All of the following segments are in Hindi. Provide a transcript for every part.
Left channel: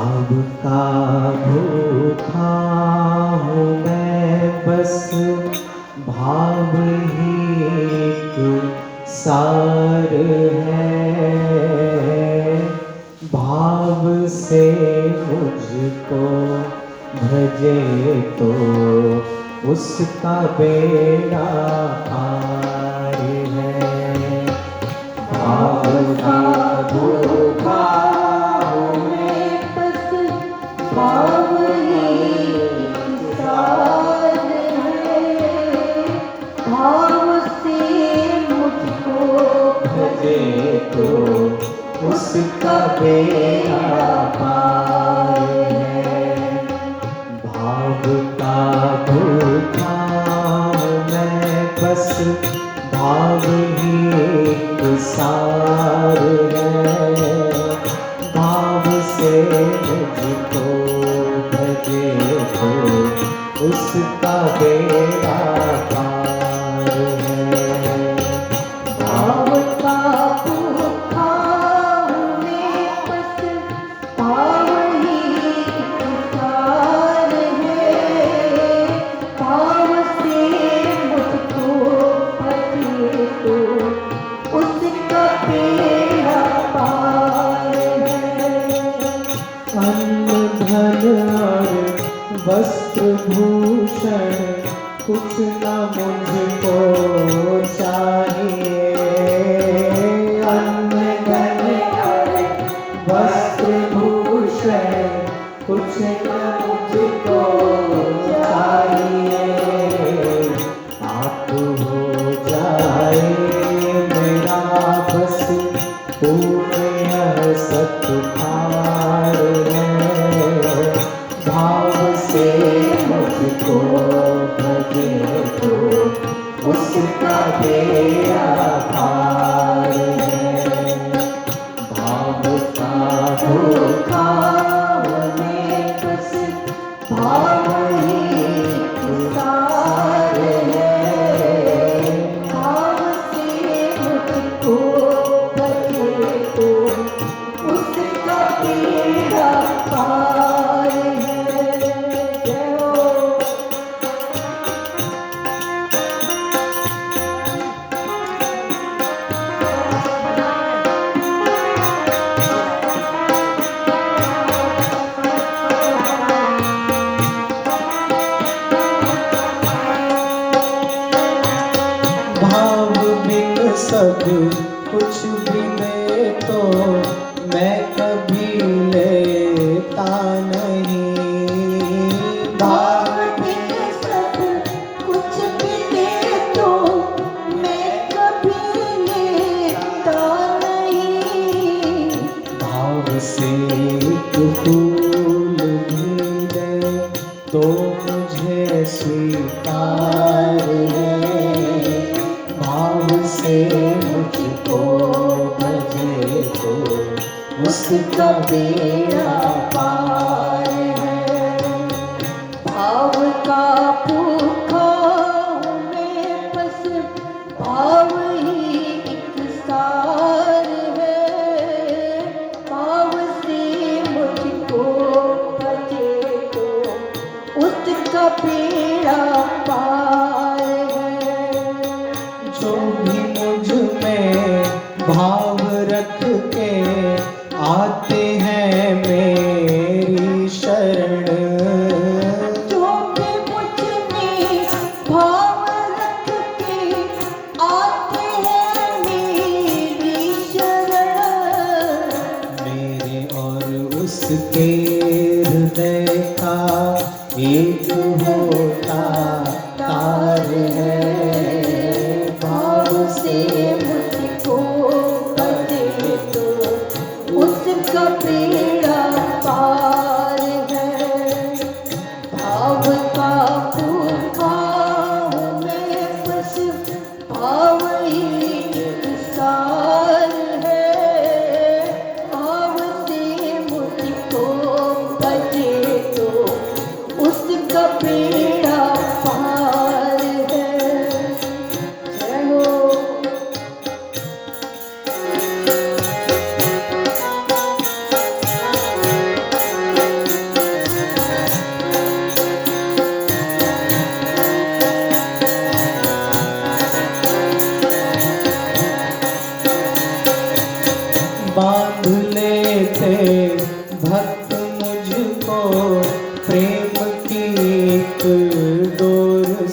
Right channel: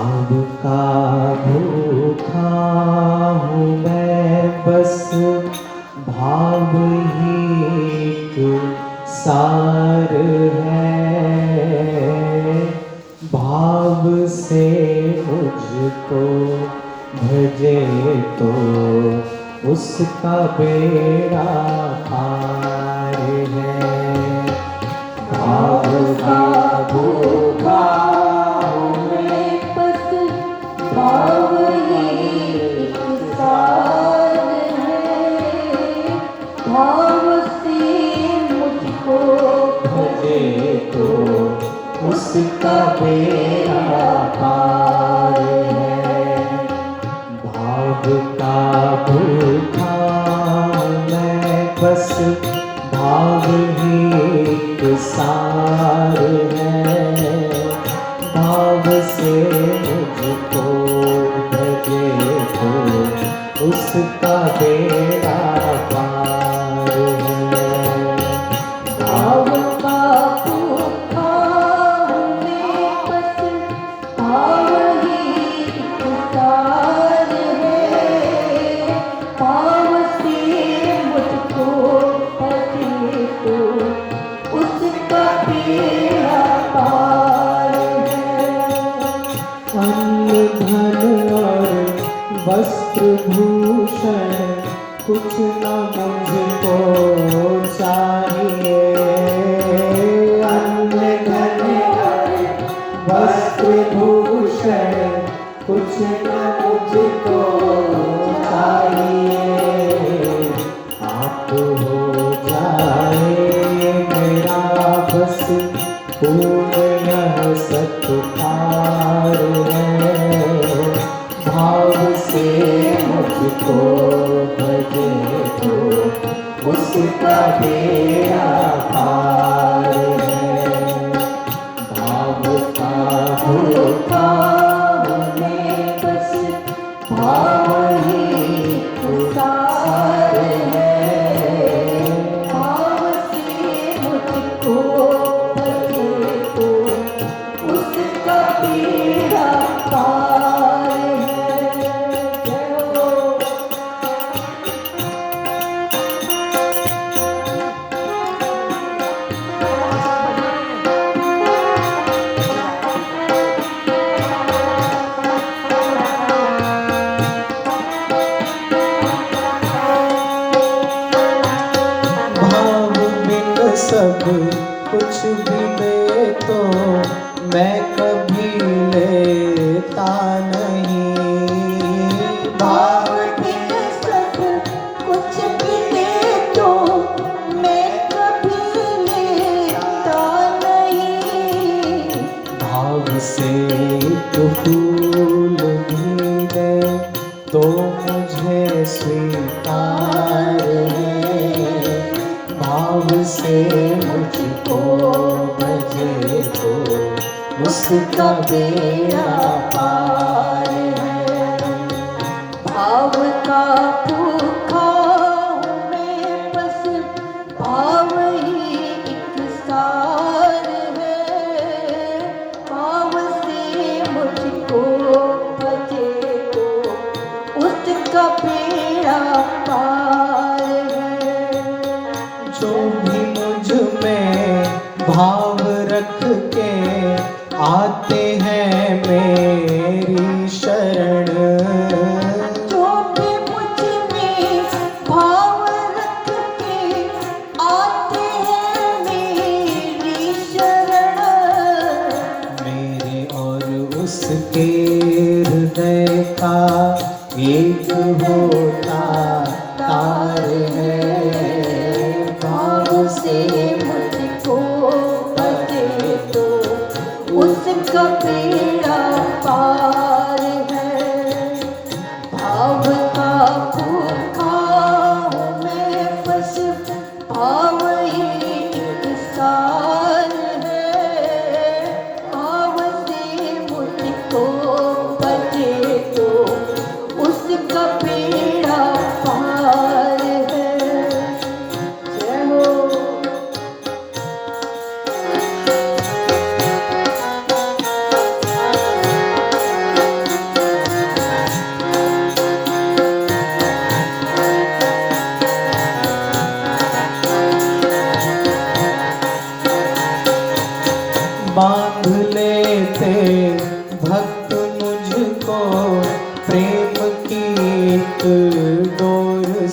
भाव का भूखा हूँ मैं, बस भाव ही एक सार है। भाव से मुझको भजे तो उसका बेड़ा पार है। भाव का भूखा हूँ मैं, बस भाव ही एक सार है। भाव से मुझको भजे तो उसका बेड़ा पार है। भाव का भूखा मैं, बस भाव ही एक सार है। भाव से मुझको भजे तो उसका बेड़ा पार है। भाव का भूखा मैं, बस भाव ही एक सार है। भाव से मुझको भजे तो उसका बेड़ा पार है। अन्न धन और वस्त्र भूषण कुछ न मुझको चाहिए। अन्न धन और वस्त्र भूषण कुछ न मुझको चाहिए। आप हो जाए मेरा बस पूर्ण यह सत्कार है। भाव से मुझको भजे तो उसका बेड़ा पार है। भाव का भूखा मैं, बस भाव ही एक सार है। भाव से मुझको भजे तो उसका बेड़ा पार है। भाव बिन सब कुछ भी दे तो मैं कभी लेता नहीं। भाव बिन सब कुछ भी दे तो मैं कभी लेता नहीं। भाव से फूल भी दे तो मुझे स्वीकार है। भाव से मुझको भजे तो उसका बेड़ा पार है। भाव का भूखा मैं, बस भाव ही एक सार है। भाव से मुझको भजे तो उसका बेड़ा पार है। जो भी मुझ में भाव रख के आते हैं मेरे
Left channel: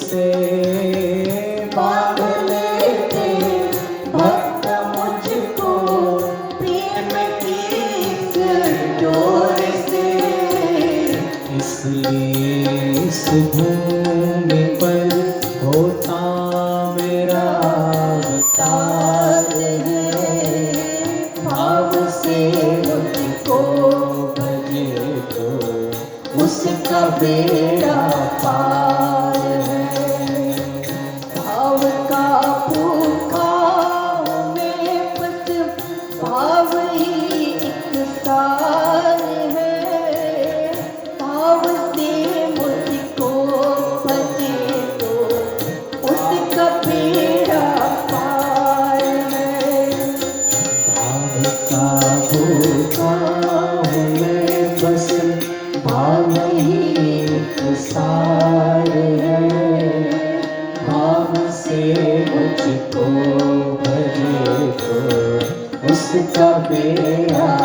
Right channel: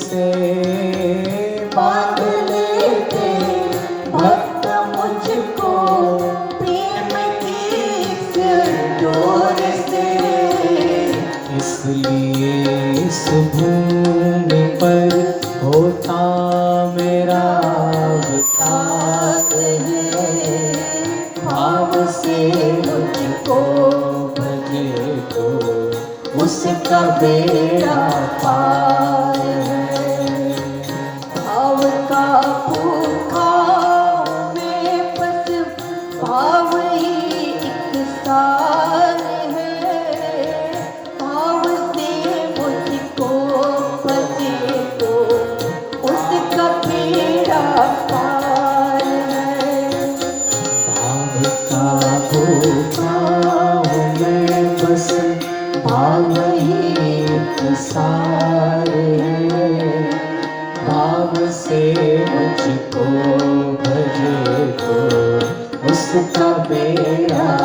से बांध लेते भक्त मुझको प्रेम की इस डोर से। इसलिए इस भूमि पर होता मेरा अवतार है। भाव से मुझको भजे तो उसका बेड़ा पार है। भाव का भूखा मैं बस भाव ही एक सार है। भाव से मुझको भजे तो उसका बेड़ा पार है। भाव का भूखा मैं बस भाव ही एक सार है। भाव से मुझको भजे तो उसका बेड़ा